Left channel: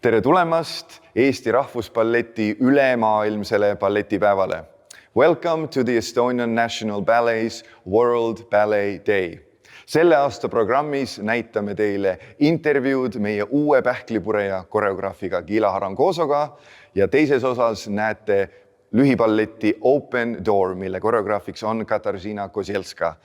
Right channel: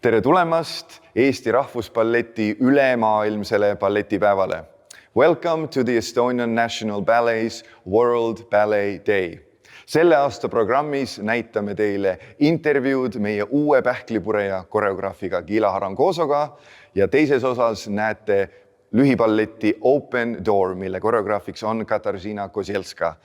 Tere tulemast Eesti Rahvusballeti ülemaailmsele balletipäevale. Welcome to the Estonian National Ballet's World Ballet Day. Selle aasta programmis näitame teile intervjuud meie uue pähklipureja koreograafiga Gila Harangozoga ja teises osas näete lühiballeti Open Door, mille koreograafiks on Katarzyna Kozielska.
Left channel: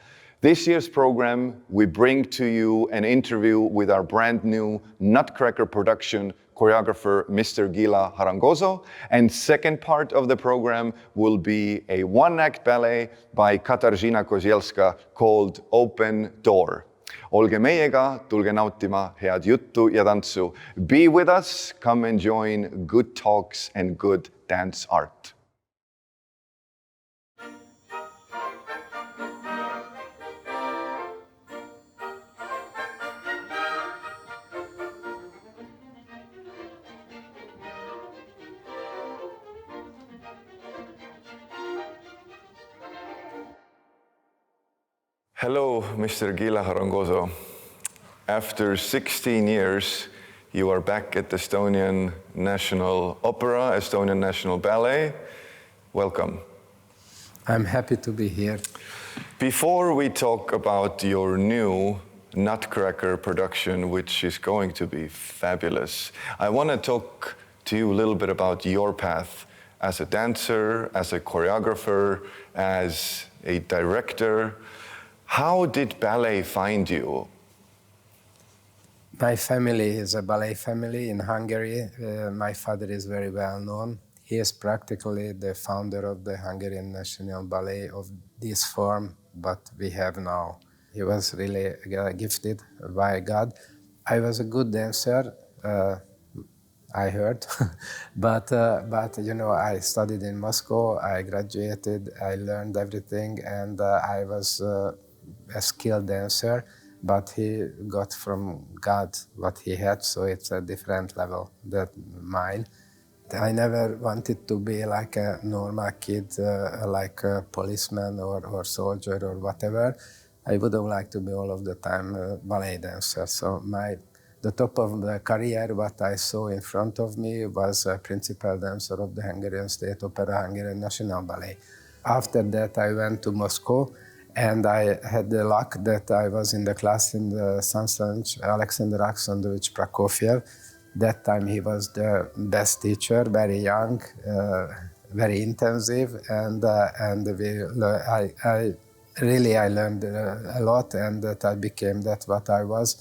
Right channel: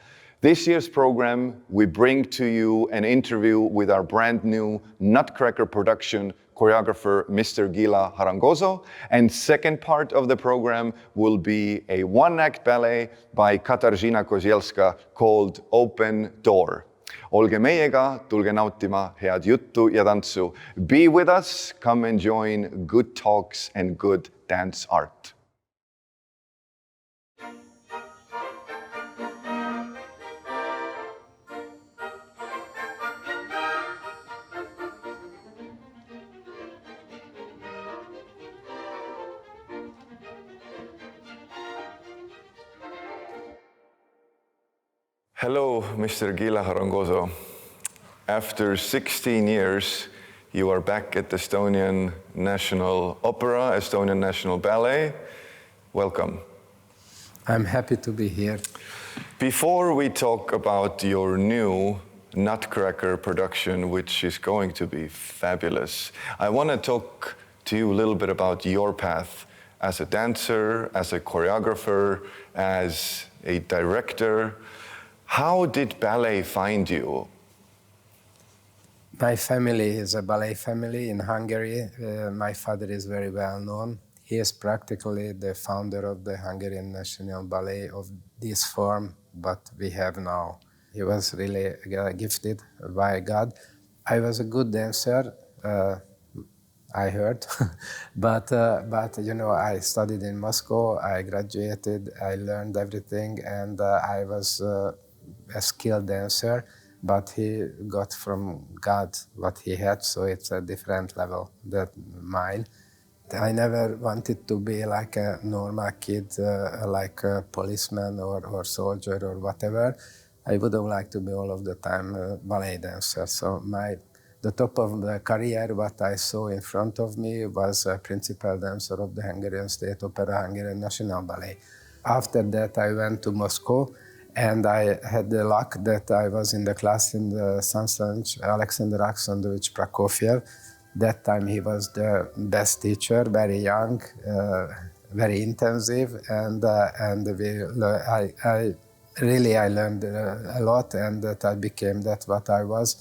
This year's program, we bring to you an interview with our brand new Nutcracker production choreographer, Mr. Gila Harangozo. And second part of the program will be a one-act ballet by Katarzyna Kozielska called Open Door. Olge meiega, tulge nautima head juttu ja tantsu. Be with us, come and join good talks and good dance art. Hello, Mr. Gila Harangozo. After 16 years, you are back at the Estonian National Opera, Estonian National Ballet. Welcome. I'm happy to be here. Before we talk about your new Nutcracker production, which is going to be fabulous, I want to talk to you a little bit about your path as a dancer, as a choreographer, as a director. How did ballet find you? My family is a ballet family in Hungary. My father is very well known. He is practically the founder of the Hungarian National Ballet of this form, but we have now. He was really gifted by God. I was a good dancer, I heard, but you know, I studied in Moscow, I graduated, I learned everything, and I was a skilled dancer, but he got from God what he had, so it's a different level than mine. I never wanted to be like a normal kid, like a policeman or soldier or whatever. I would have liked to be all of the time a ballet dancer. So the top of the career, what I saw in front of me was a principal dancer of the Hungarian State Opera, Hungarian National Ballet. After that, I went to Moscow, and I had the luck that I was in the class in the Sansanch, Alexander Alexandrovich Prokofiev. That time he was the best teacher, very young, very intensive, and I learned a lot, and that I became that what I was.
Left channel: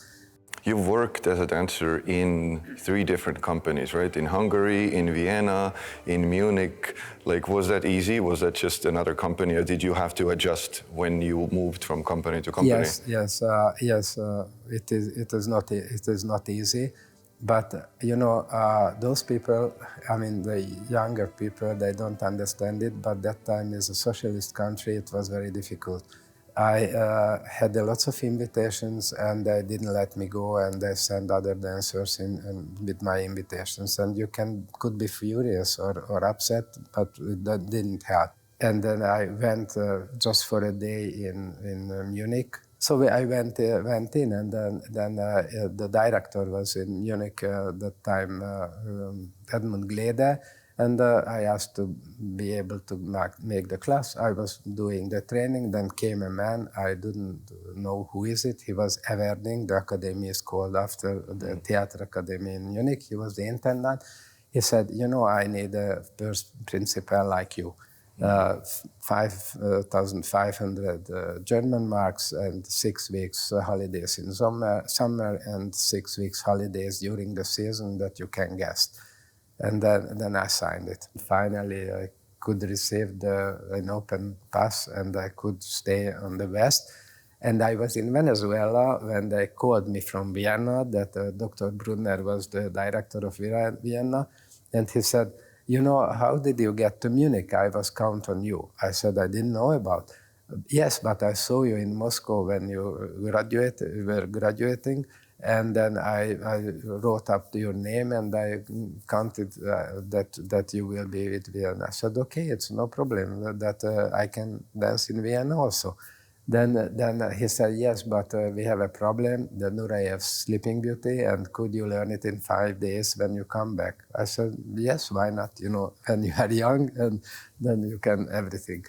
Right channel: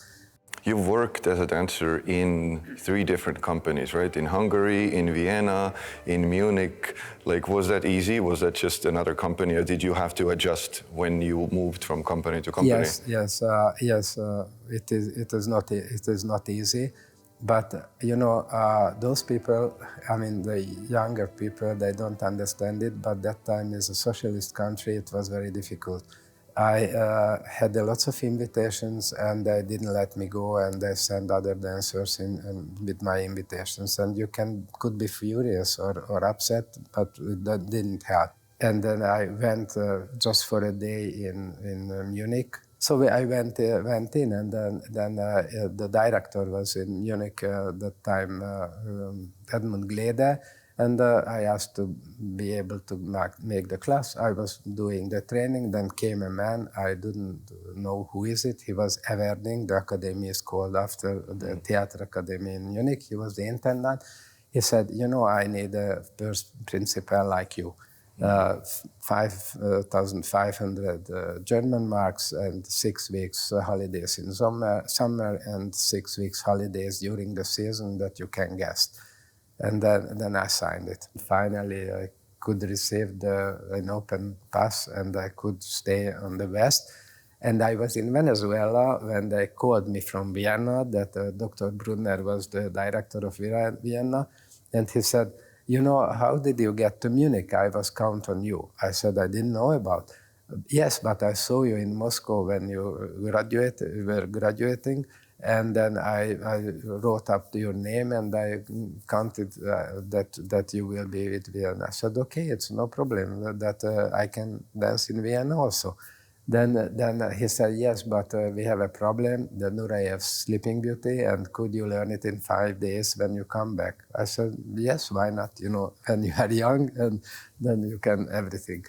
You've worked as a dancer in 3 different companies, right? In Hungary, in Vienna, in Munich. Like, was that easy? Was that just another company, or did you have to adjust when you moved from company to company? Yes. It is not easy, but you know, those people. I mean, the younger people, they don't understand it. But that time, is a socialist country, it was very difficult. I had lots of invitations, and they didn't let me go, and they sent other dancers in with my invitations, and you could be furious or upset, but that didn't help. And then I went just for a day in Munich. So I went in, and then the director was in Munich at that time, Edmund Glede. And I asked to be able to make the class. I was doing the training, then came a man, I didn't know who is it. He was Everding, the academy is called after the Theatre Academy in Munich. He was the intendant. He said, you know, I need a principal like you. 5,500 German marks and 6 weeks holidays in summer and 6 weeks holidays during the season that you can guest. And then I signed it. Finally, I could receive an open pass, and I could stay on the West. And I was in Venezuela when they called me from Vienna, that Dr. Brunner was the director of Vienna. And he said, you know, how did you get to Munich? I was count on you. I said, I didn't know about. Yes, but I saw you in Moscow when you were graduating. And then I wrote up your name, and I counted that you will be with Vienna. I said, okay, it's no problem, that I can dance in Vienna also. Then he said, yes, but we have a problem, the Nurayev's Sleeping Beauty, and could you learn it in 5 days when you come back? I said, yes, why not? You know, when you are young, and then you can everything,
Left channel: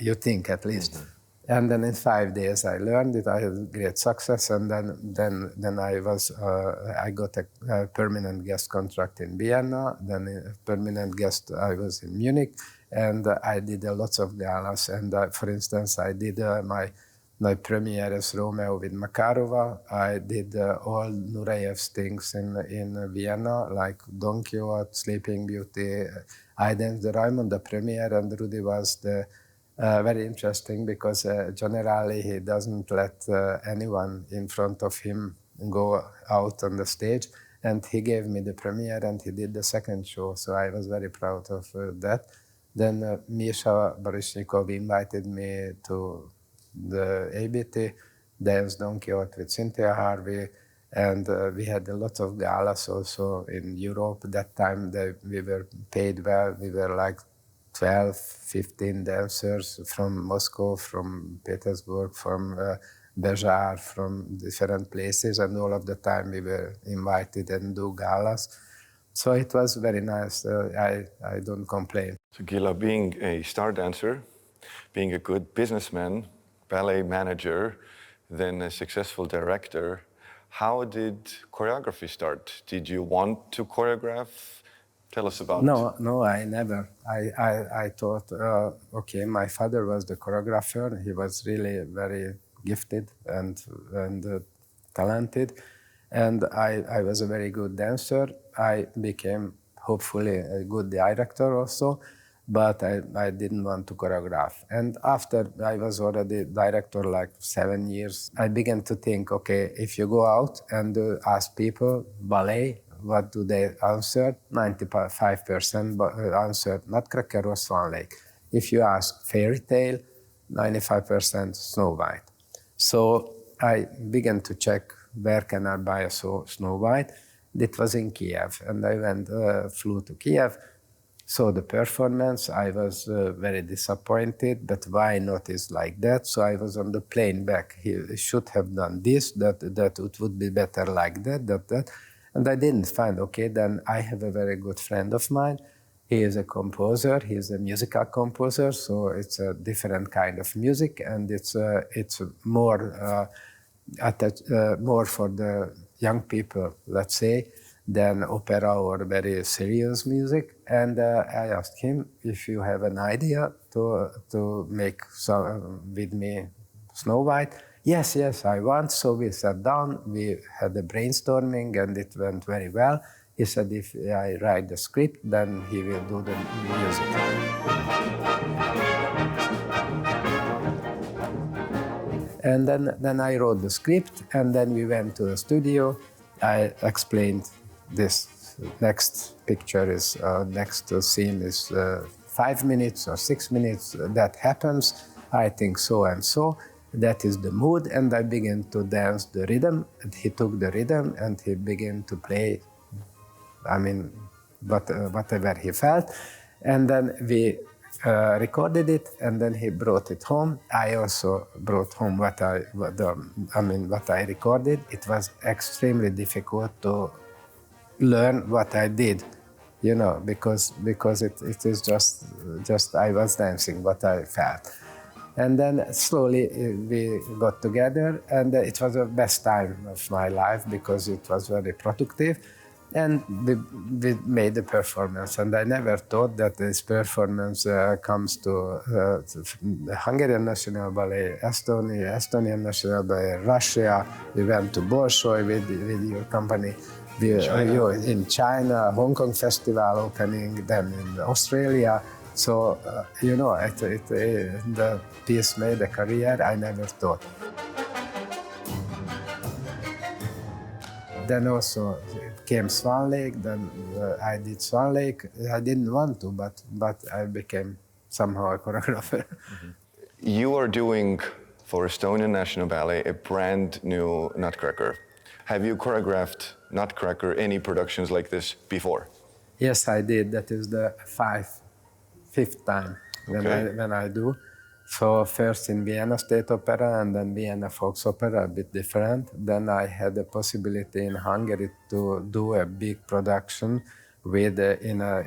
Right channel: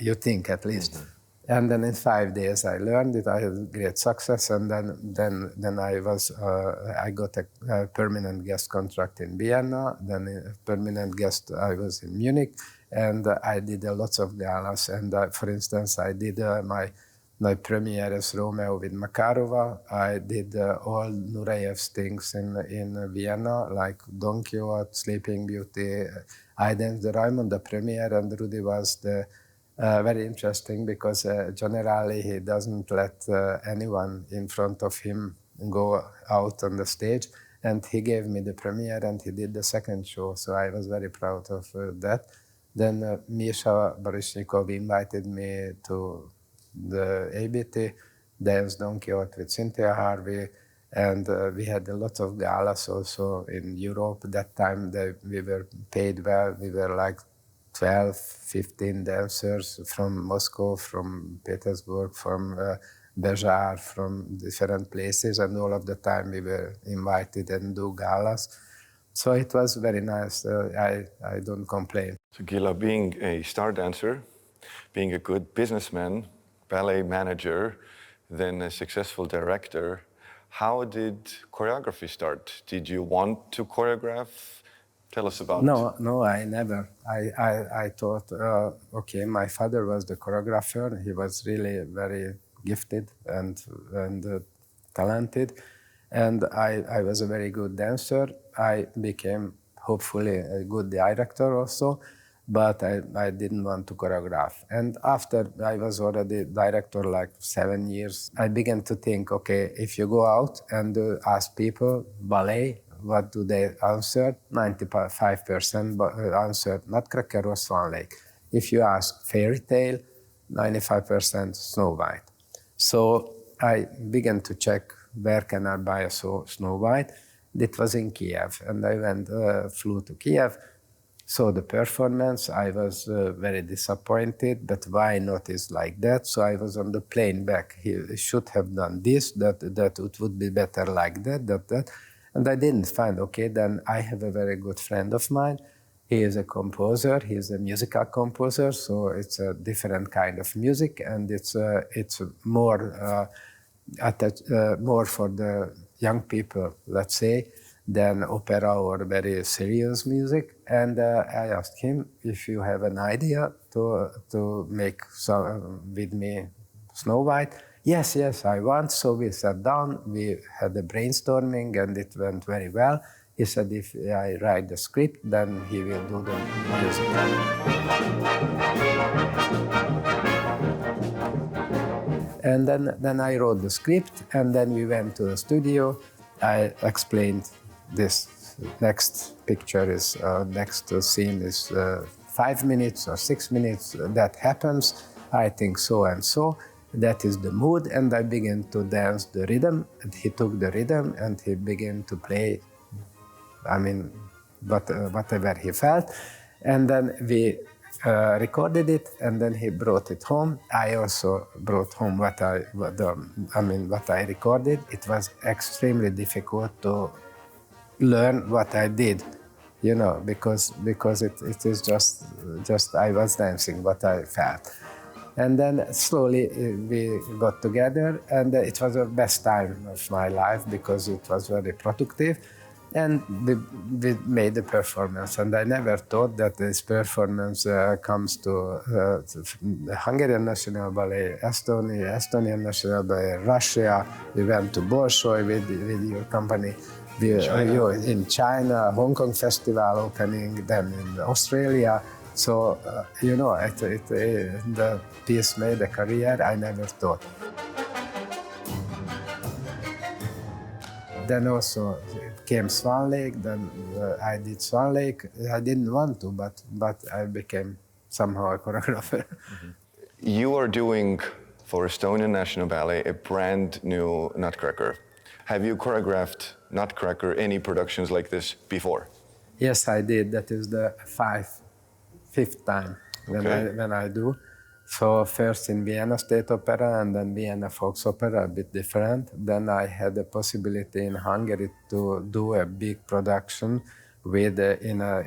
you think at least. Mm-hmm. And then in 5 days I learned it. I had great success, and then I got a permanent guest contract in Vienna. Then a permanent guest I was in Munich, and I did lots of galas. And for instance, I did my premiere as Romeo with Makarova. I did all Nurayev's things in Vienna, like Don Quixote, Sleeping Beauty. I danced the Raimund, the premiere, and Rudy was the very interesting because generally he doesn't let anyone in front of him go out on the stage. And he gave me the premiere and he did the second show. So I was very proud of that. Then Misha Baryshnikov invited me to the ABT, danced Don Quixote with Cynthia Harvey. And we had a lot of galas also in Europe. That time we were paid well. We were like 12, 15 dancers from Moscow, from Petersburg, from Bejar, from different places, and all of the time we were invited and do galas. So it was very nice. I don't complain. So Gila, being a star dancer, being a good businessman, ballet manager, then a successful director, how did choreography start? Did you want to choreograph? Tell us about it. No, I never. I thought, okay, my father was the choreographer. He was really very gifted and talented. And I was a very good dancer. I became, hopefully, a good director also, but I didn't want to choreograph. And after I was already director like 7 years, I began to think, okay, if you go out and ask people, ballet, what do they answer? 95% answered Nutcracker or Swan Lake. If you ask fairy tale, 95% Snow White. So I began to check where can I buy a Snow White. It was in Kiev, and I flew to Kiev, saw the performance. I was very disappointed, but why not is like that? So I was on the plane back. He should have done this, that it would be better like that. And I didn't find, okay, then I have a very good friend of mine. He is a composer, he's a musical composer, so it's a different kind of music, and it's more more for the young people, let's say, than opera or very serious music. And I asked him if you have an idea to make with me Snow White. Yes, I want. So we sat down, we had a brainstorming, and it went very well. He said if I write the script, then he will do the music. And then I wrote the script, and then we went to the studio. I explained this next picture is, next scene is 5 minutes or 6 minutes. That happens, I think so and so. That is the mood, and I began to dance the rhythm, and he took the rhythm and he began to play, whatever he felt. And then we recorded it, and then he brought it home. I also brought home what I recorded. It was extremely difficult to learn what I did, because it is just I was dancing what I felt. And then slowly we got together, and it was the best time of my life because it was very productive. And we made the performance, and I never thought that this performance comes to the Hungarian National Ballet, Estonia, Estonian National Ballet, Russia. We went to Bolshoi with your company. In China, Hong Kong Festival opening, then in Australia. So, the piece made a career I never thought. Then also came Swan Lake, then I did Swan Lake. I didn't want to, but I became somehow a choreographer. Mm-hmm. You are doing, for Estonian National Ballet, a brand new Nutcracker. Have you choreographed Nutcracker, any productions like this before? Yes, I did. That is the fifth time when I do. So first in Vienna State Opera and then Vienna Volksopera, a bit different. Then I had the possibility in Hungary to do a big production with in a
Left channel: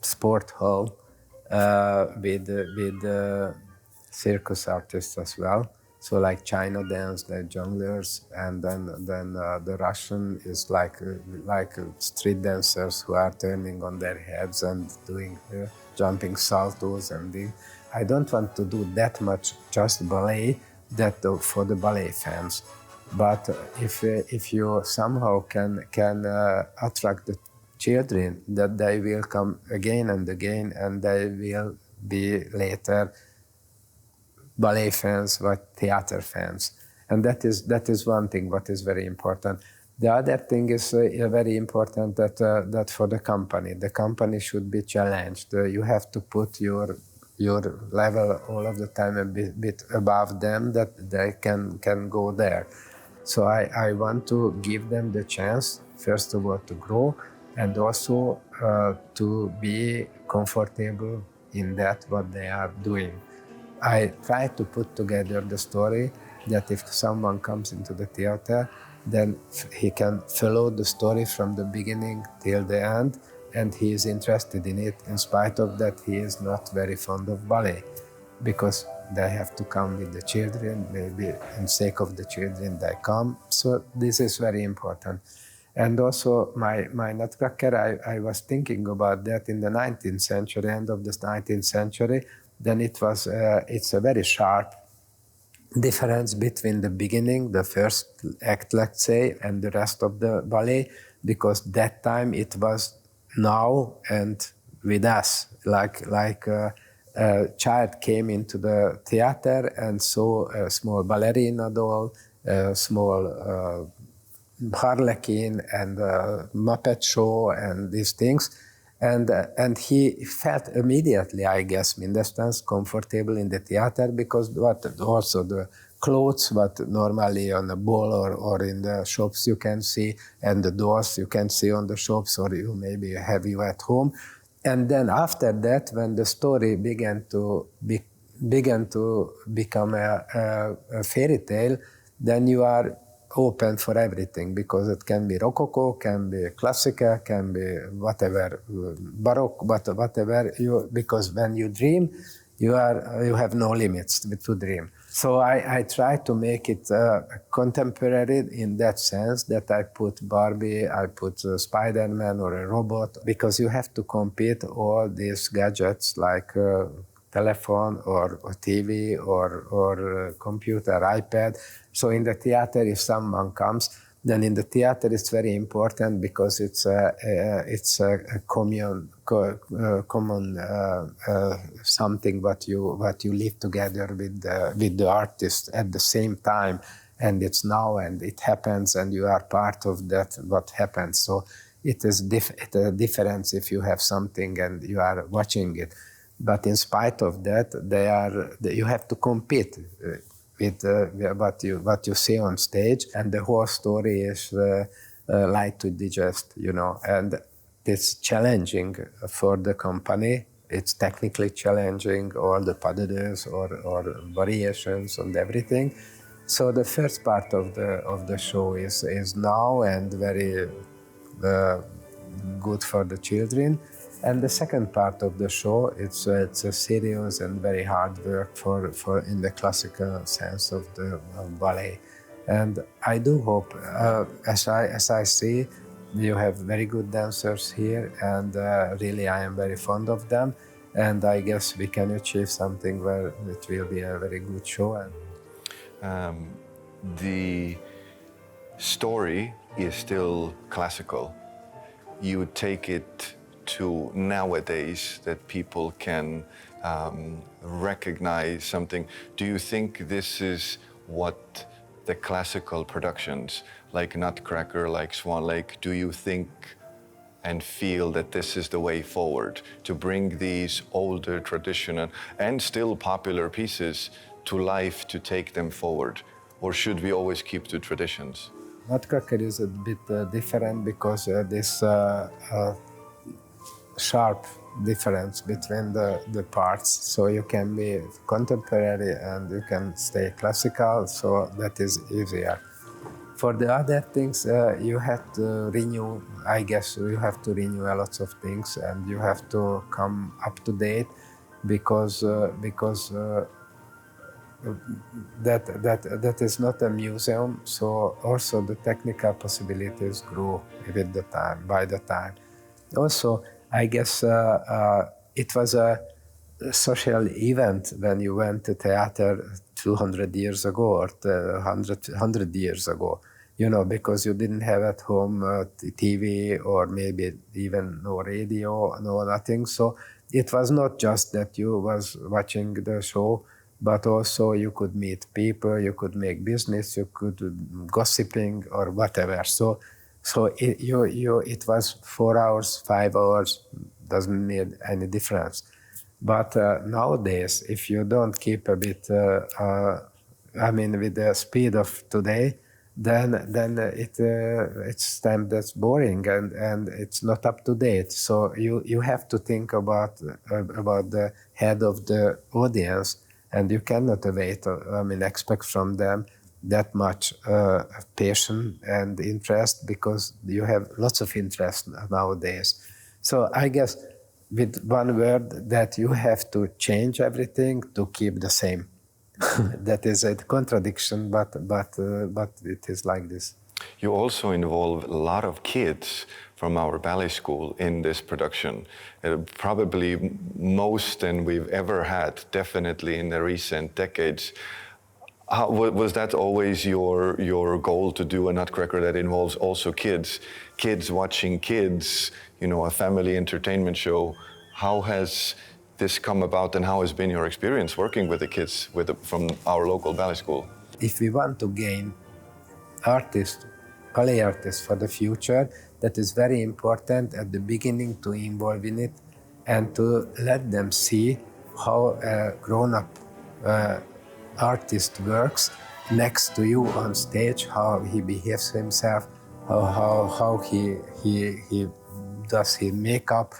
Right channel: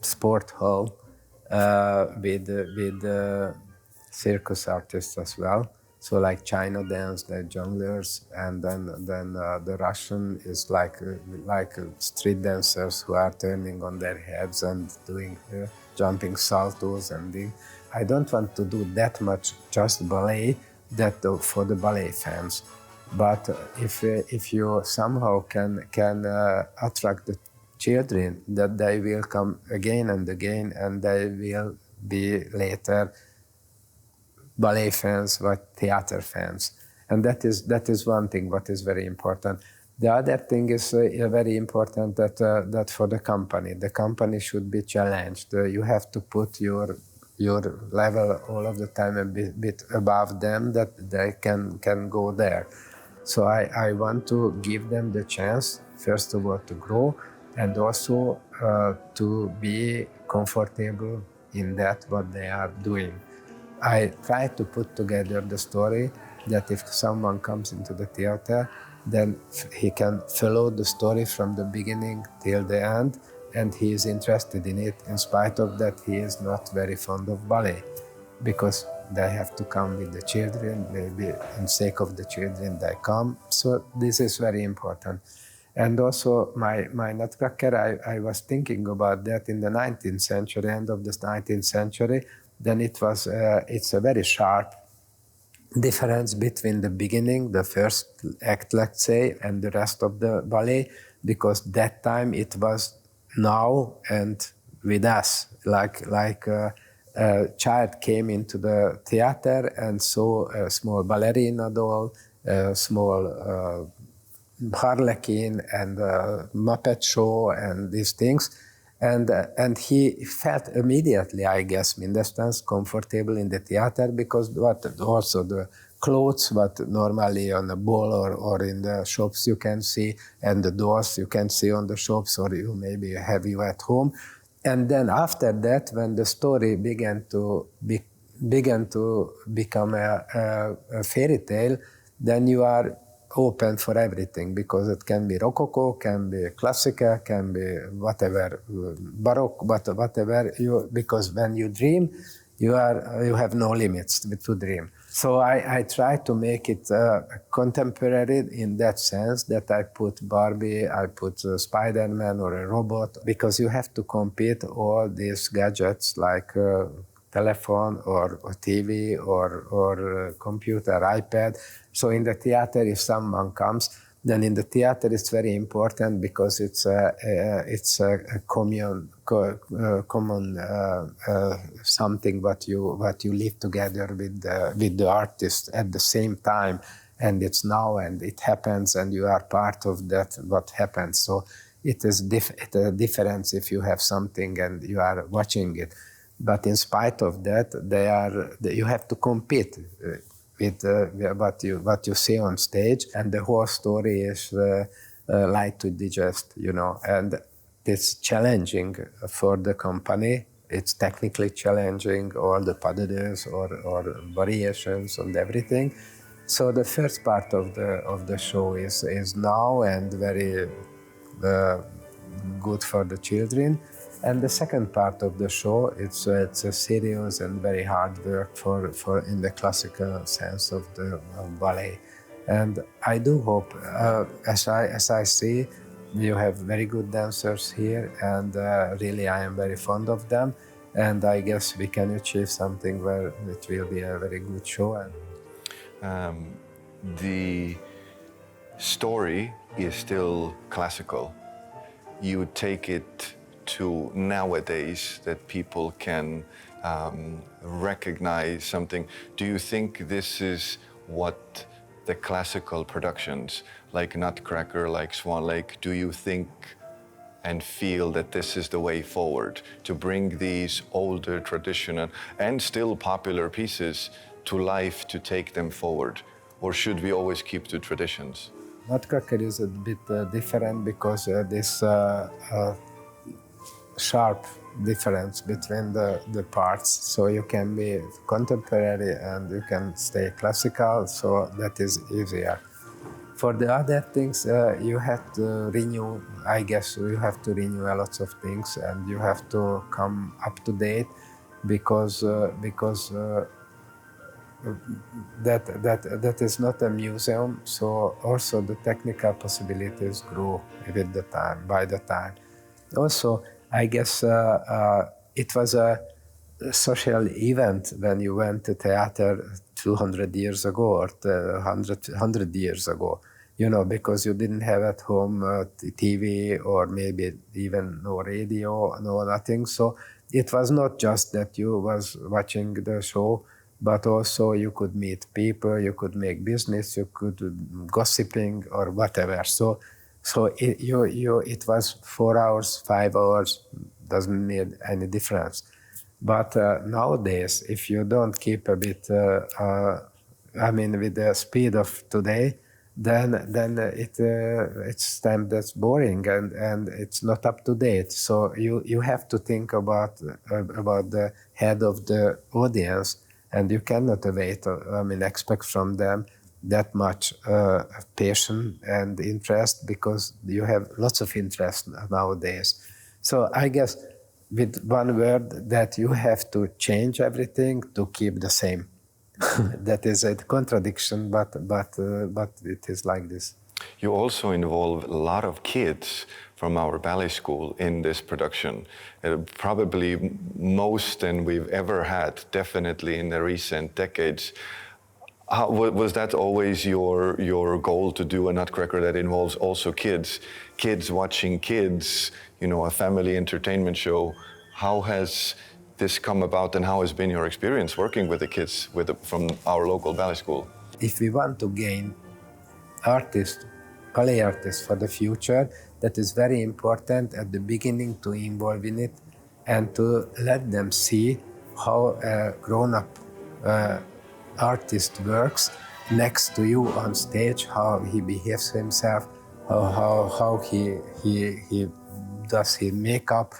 sport hall with circus artists as well. So like China dance, the jongleurs, and then the Russian is like street dancers who are turning on their heads and doing jumping saltos and things. I don't want to do that much just ballet that for the ballet fans. But if you somehow can attract the children, that they will come again and again, and they will be later ballet fans or theater fans, and that is one thing what is very important. The other thing is very important that for the company should be challenged. You have to put your level all of the time a bit above them, that they can go there. So I want to give them the chance, first of all, to grow, and also to be comfortable in that what they are doing. I try to put together the story that if someone comes into the theater, then he can follow the story from the beginning till the end, and he is interested in it, in spite of that he is not very fond of ballet, because they have to come with the children, maybe in sake of the children they come. So this is very important. And also my Nutcracker, I was thinking about that in the 19th century, end of the 19th century. Then it's a very sharp difference between the beginning, the first act, let's say, and the rest of the ballet, because that time it was now and with us, like a child came into the theater and saw a small ballerina doll, a small harlequin and Muppet show and these things. And he felt immediately, I guess, Mindestens comfortable in the theater, because also the clothes, what normally on the ball or in the shops you can see, and the dolls you can see on the shops, or you maybe have you at home. And then after that, when the story began to become a fairy tale, then you are open for everything, because it can be Rococo, can be Classical, can be whatever, Baroque, whatever. Because when you dream, you have no limits to dream. So I try to make it contemporary in that sense, that I put Barbie, I put a Spider-Man or a robot, because you have to compete all these gadgets like telephone or TV or computer, iPad. So in the theater, if someone comes, then in the theater it's very important, because it's a common something what you live together with the artist at the same time, and it's now and it happens, and you are part of that what happens. So it is a difference if you have something and you are watching it. But in spite of that, you have to compete with what you see on stage, and the whole story is light to digest, and it's challenging for the company. It's technically challenging, all the pas de deux or variations and everything. So the first part of the show is now and very good for the children. And the second part of the show, it's a serious and very hard work for in the classical sense of the ballet. And I do hope, as I see, you have very good dancers here, and really I am very fond of them. And I guess we can achieve something where it will be a very good show. The story is still classical. You take it to nowadays, that people can recognize something. Do you think this is what the classical productions, like Nutcracker, like Swan Lake, do you think and feel that this is the way forward, to bring these older traditional and still popular pieces to life, to take them forward? Or should we always keep to traditions? Nutcracker is a bit different, because this sharp difference between the parts. So you can be contemporary and you can stay classical, so that is easier. For the other things, you have to renew, I guess you have to renew a lot of things and you have to come up to date because that is not a museum, so also the technical possibilities grew with the time, by the time. Also, I guess it was a social event when you went to theater 200 years ago or 100 years ago, you know, because you didn't have at home TV or maybe even no radio, no nothing. So it was not just that you was watching the show, but also you could meet people, you could make business, you could gossiping or whatever. So it was 4 hours, 5 hours, doesn't make any difference. But nowadays, if you don't keep a bit, with the speed of today, then it's time that's boring and it's not up to date. So you have to think about the head of the audience, and you cannot expect from them that much passion and interest, because you have lots of interest nowadays. So I guess with one word, that you have to change everything to keep the same. That is a contradiction, but it is like this. You also involve a lot of kids from our ballet school in this production. Probably most than we've ever had, definitely in the recent decades. How, was that always your goal, to do a Nutcracker that involves also kids watching kids, you know, a family entertainment show? How has this come about, and how has been your experience working with the kids from our local ballet school? If we want to gain artists, ballet artists for the future, that is very important at the beginning to involve in it and to let them see how a grown-up artist works next to you on stage, how he behaves himself, how he does his makeup,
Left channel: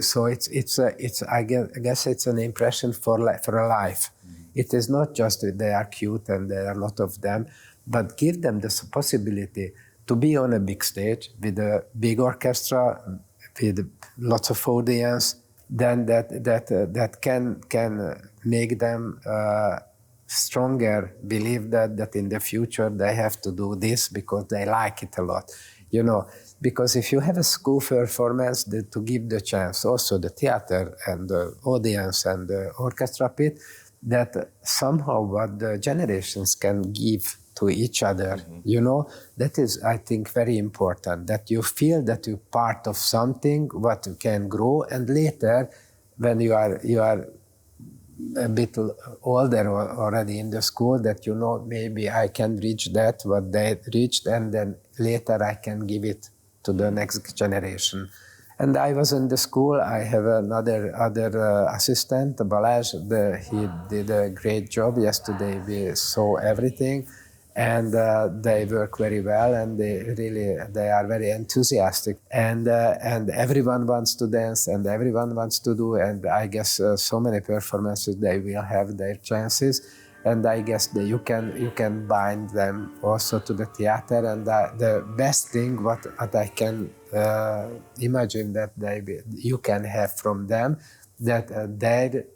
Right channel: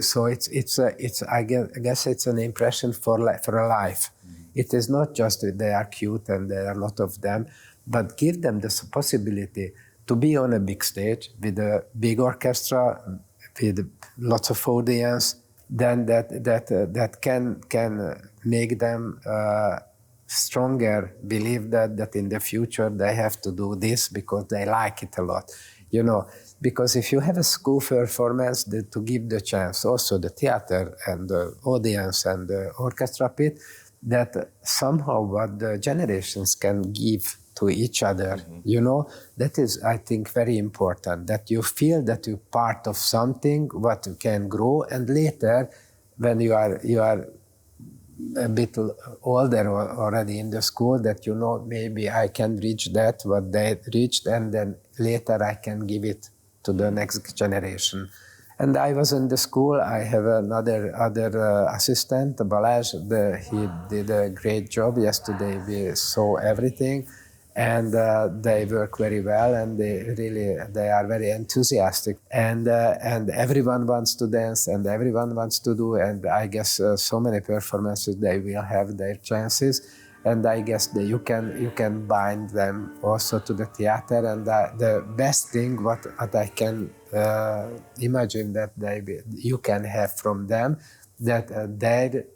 so it's I guess it's an impression for a life. It is not just that they are cute and there are a lot of them, but give them the possibility to be on a big stage with a big orchestra, with lots of audience, then that can make them stronger, believe that in the future they have to do this because they like it a lot, you know. Because if you have a school performance, to give the chance also the theater and the audience and the orchestra pit, that somehow what the generations can give to each other, you know, that is, I think, very important, that you feel that you're part of something what can grow, and later when you are a bit older already in the school, that you know, maybe I can reach that what they reached, and then later I can give it to the next generation. And I was in the school, I have another assistant, Balazs, he did a great job. Yesterday we saw everything, and they work very well, and they are very enthusiastic, and everyone wants to dance and everyone wants to do, and I guess so many performances they will have their chances, and I guess that you can bind them also to the theater, and the best thing what I can imagine that you can have from them, that their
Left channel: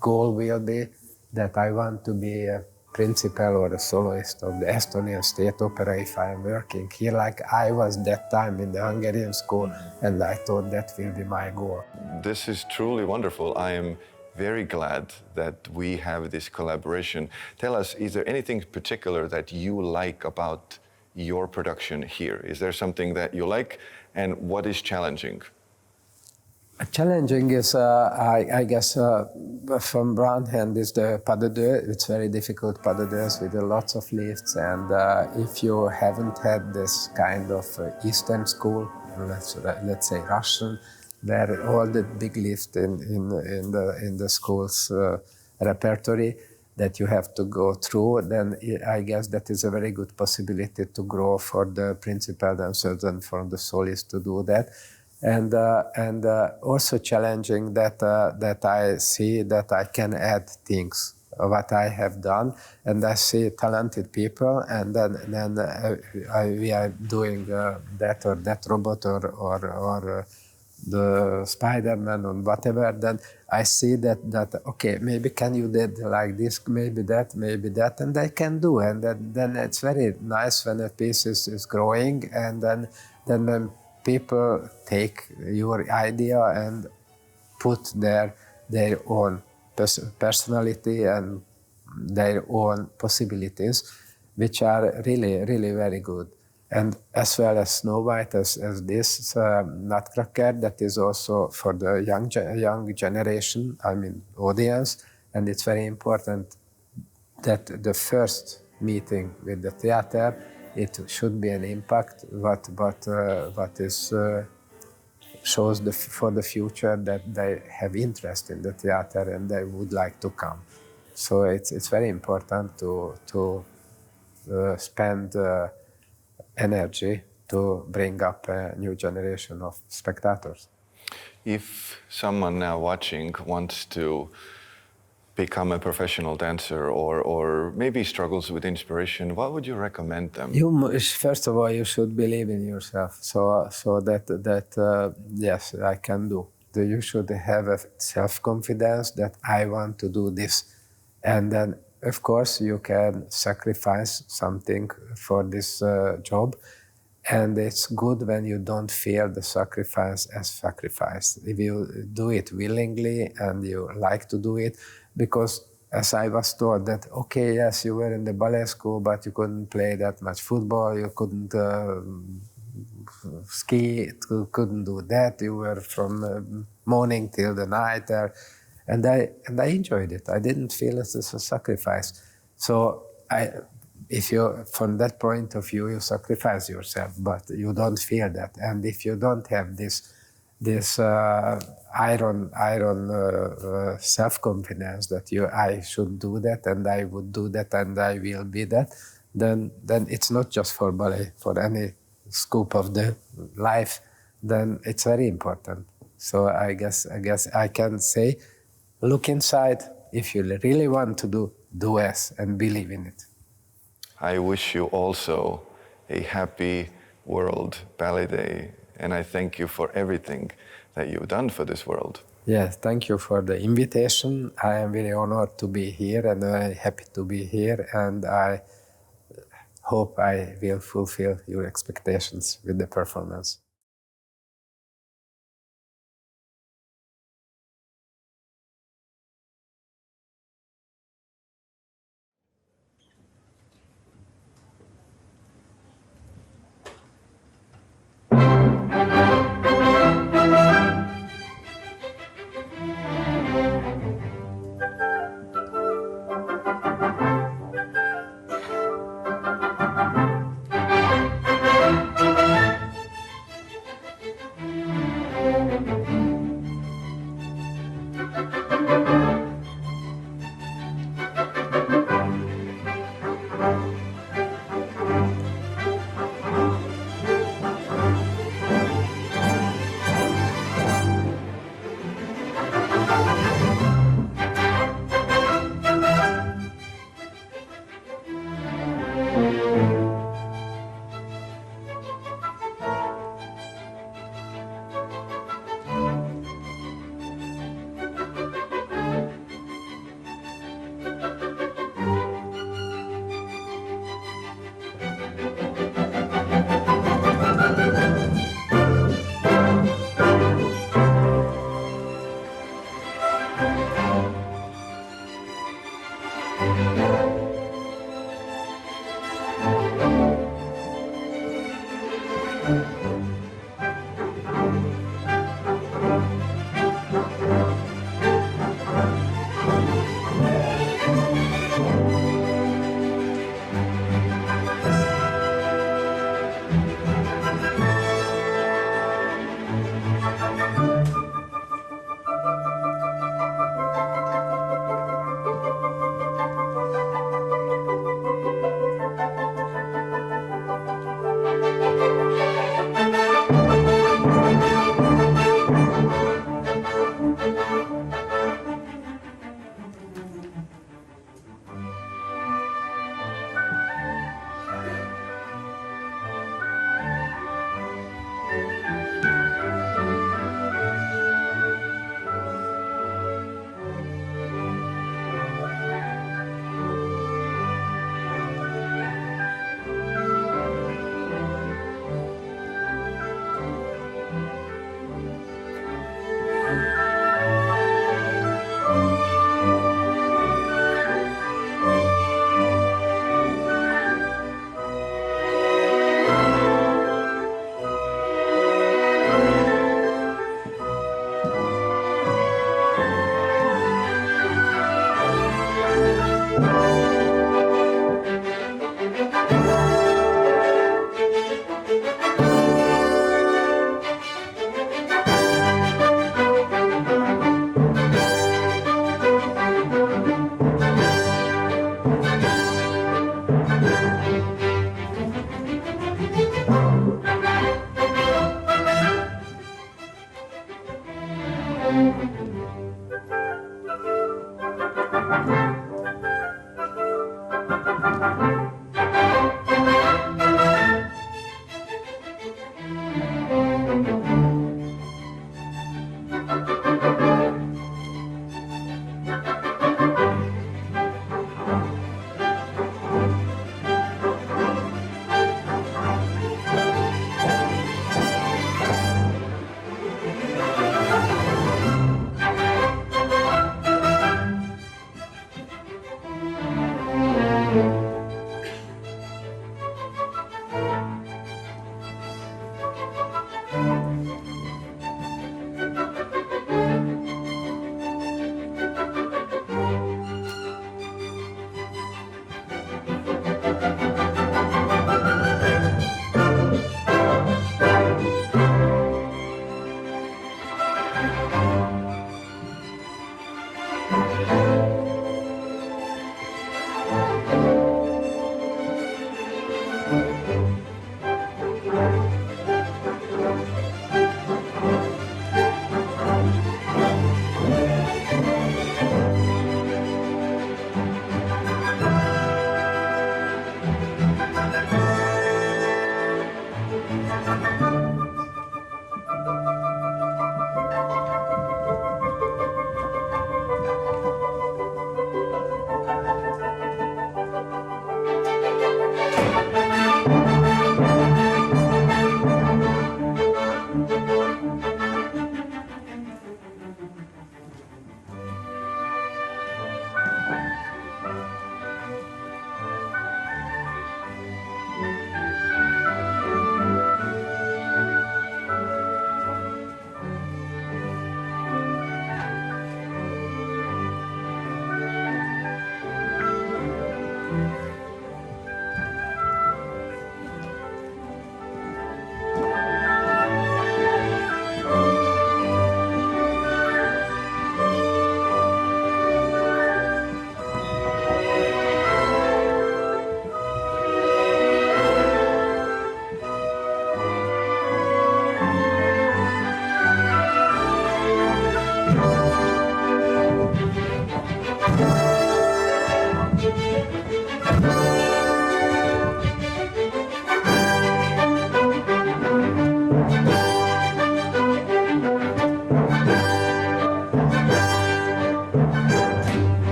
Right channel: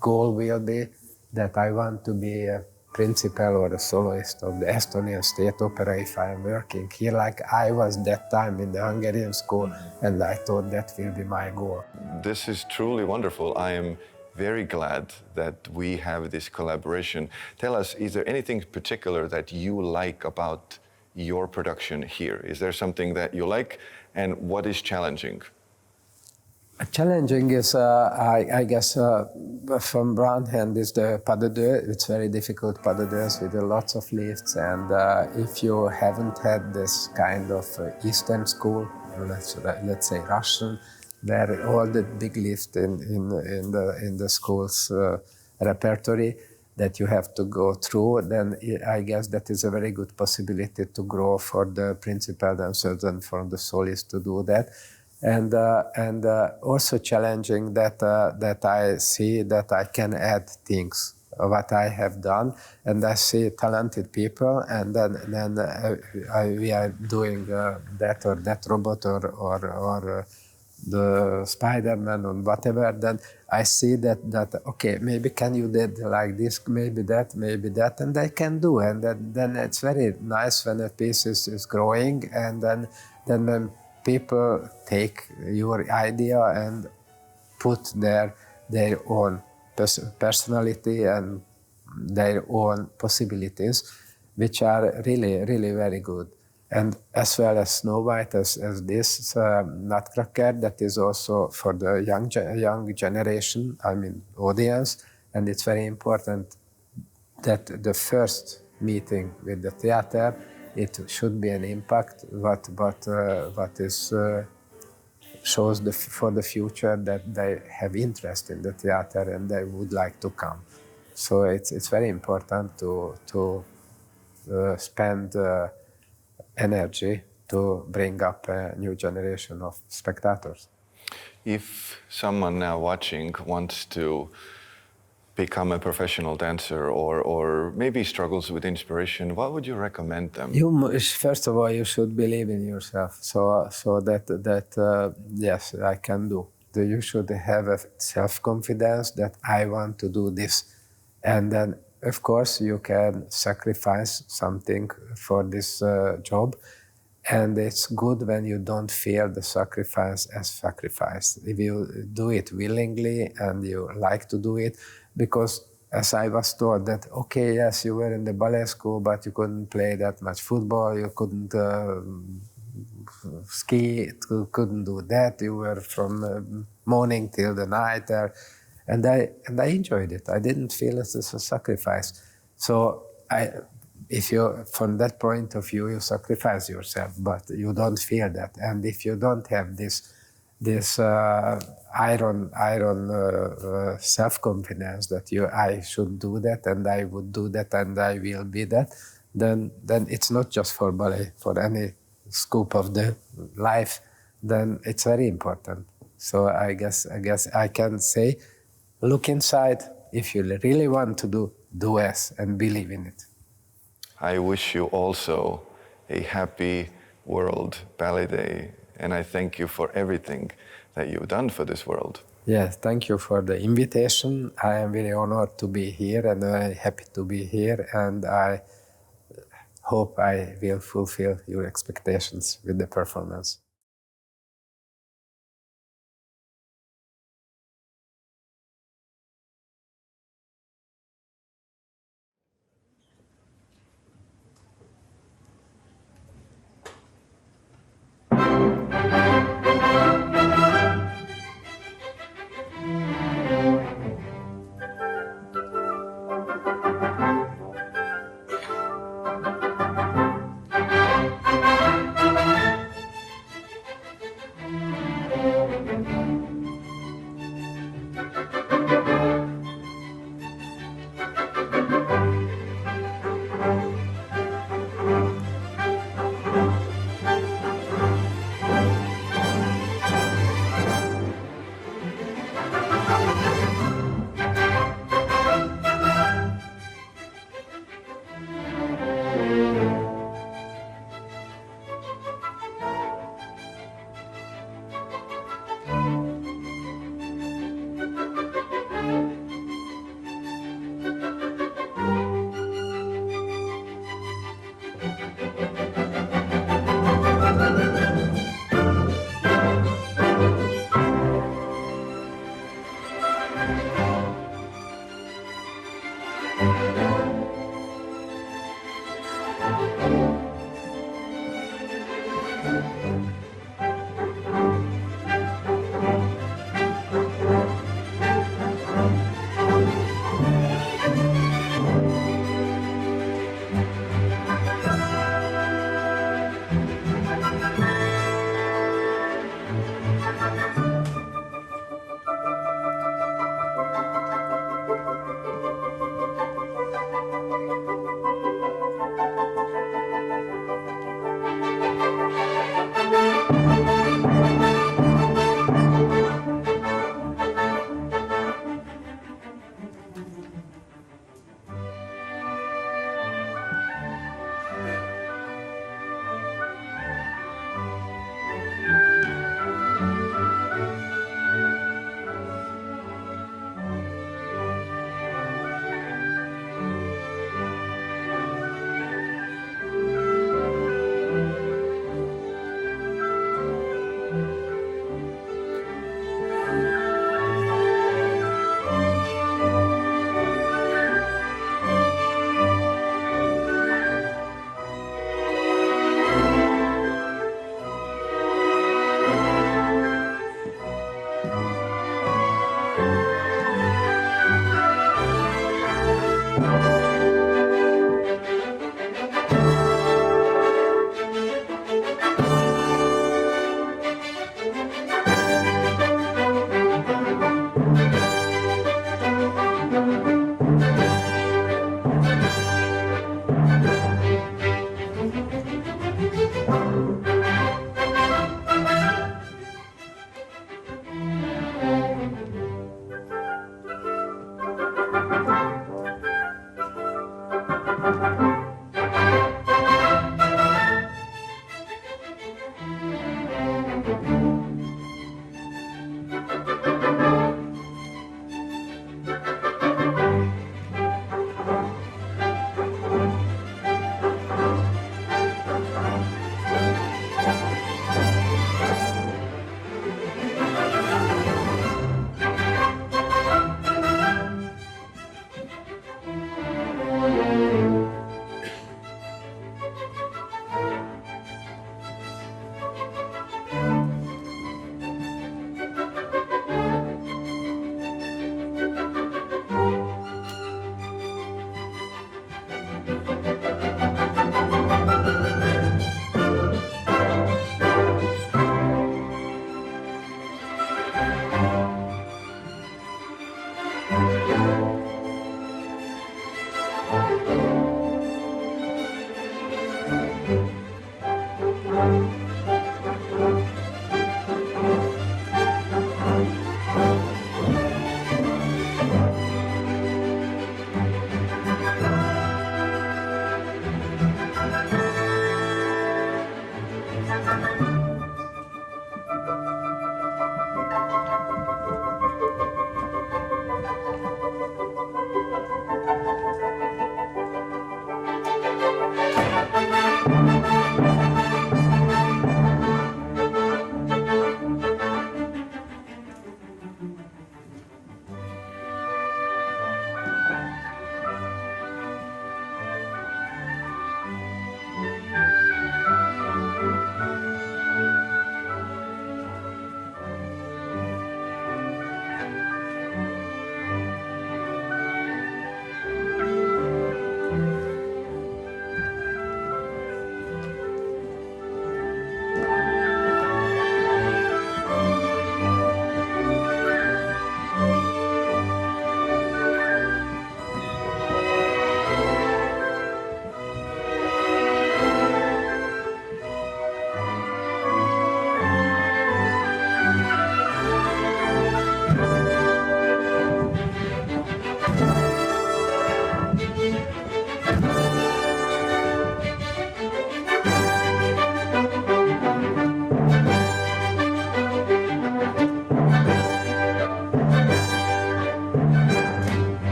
goal will be that I want to be a principal or a soloist of the Estonian State Opera if I am working here, like I was that time in the Hungarian school, and I thought that will be my goal. This is truly wonderful. I am very glad that we have this collaboration. Tell us, is there anything particular that you like about your production here? Is there something that you like, and what is challenging? Challenging is, I guess, from one hand is the pas de deux. It's very difficult pas de deux with lots of lifts, and if you haven't had this kind of Eastern school, let's say Russian, where all the big lifts in the school's repertory that you have to go through, then I guess that is a very good possibility to grow for the principal themselves and for the soloist to do that. and also challenging that I see that I can add things what I have done, and I see talented people, and then we are doing that or that robot or the Spider-Man or whatever. Then I see that okay, maybe can you did like this, maybe that, and I can do, and then it's very nice when a piece is growing, and then when people take your idea and put their own personality and their own possibilities, which are really very good. And as well as Snow White, as this Nutcracker, that is also for the young generation, I mean audience, and it's very important that the first meeting with the theater, it should be an impact, what is shows for the future that they have interest in the theater and they would like to come. So it's very important to spend energy to bring up a new generation of spectators. If someone now watching wants to become a professional dancer or maybe struggles with inspiration, what would you recommend them? First of all, you should believe in yourself. So that yes, I can do. You should have a self-confidence that I want to do this. And then, of course, you can sacrifice something for this job. And it's good when you don't feel the sacrifice as sacrifice. If you do it willingly and you like to do it, because as I was told that, okay, yes, you were in the ballet school, but you couldn't play that much football, you couldn't ski, you couldn't do that, you were from morning till the night there. And I enjoyed it. I didn't feel it as a sacrifice. So if you, from that point of view, you sacrifice yourself, but you don't feel that. And if you don't have this iron self-confidence that I should do that and I would do that and I will be that, then it's not just for ballet, for any scope of the life, then it's very important. So I guess I can say, look inside. If you really want to do it and believe in it. I wish you also a happy World Ballet Day, and I thank you for everything that you've done for this world. Yes, thank you for the invitation. I am very honored to be here and very happy to be here, and I hope I will fulfill your expectations with the performance.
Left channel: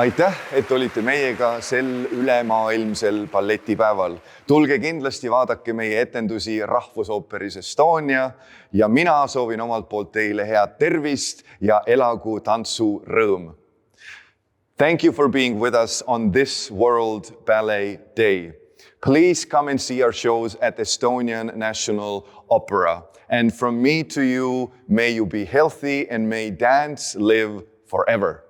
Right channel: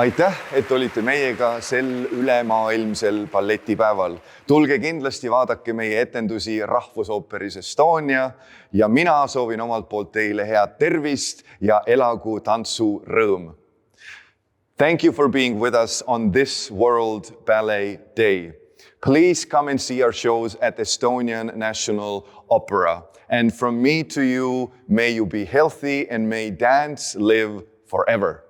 aitäh, et olite meiega sel ülemaailmsel balletipäeval. Tulge kindlasti vaadake meie etendusi Rahvusooperis Estonia ja mina soovin omalt poolt teile head tervist ja elagu tantsurõõm. Thank you for being with us on this World Ballet Day. Please come and see our shows at Estonian National Opera. And from me to you, may you be healthy and may dance live forever.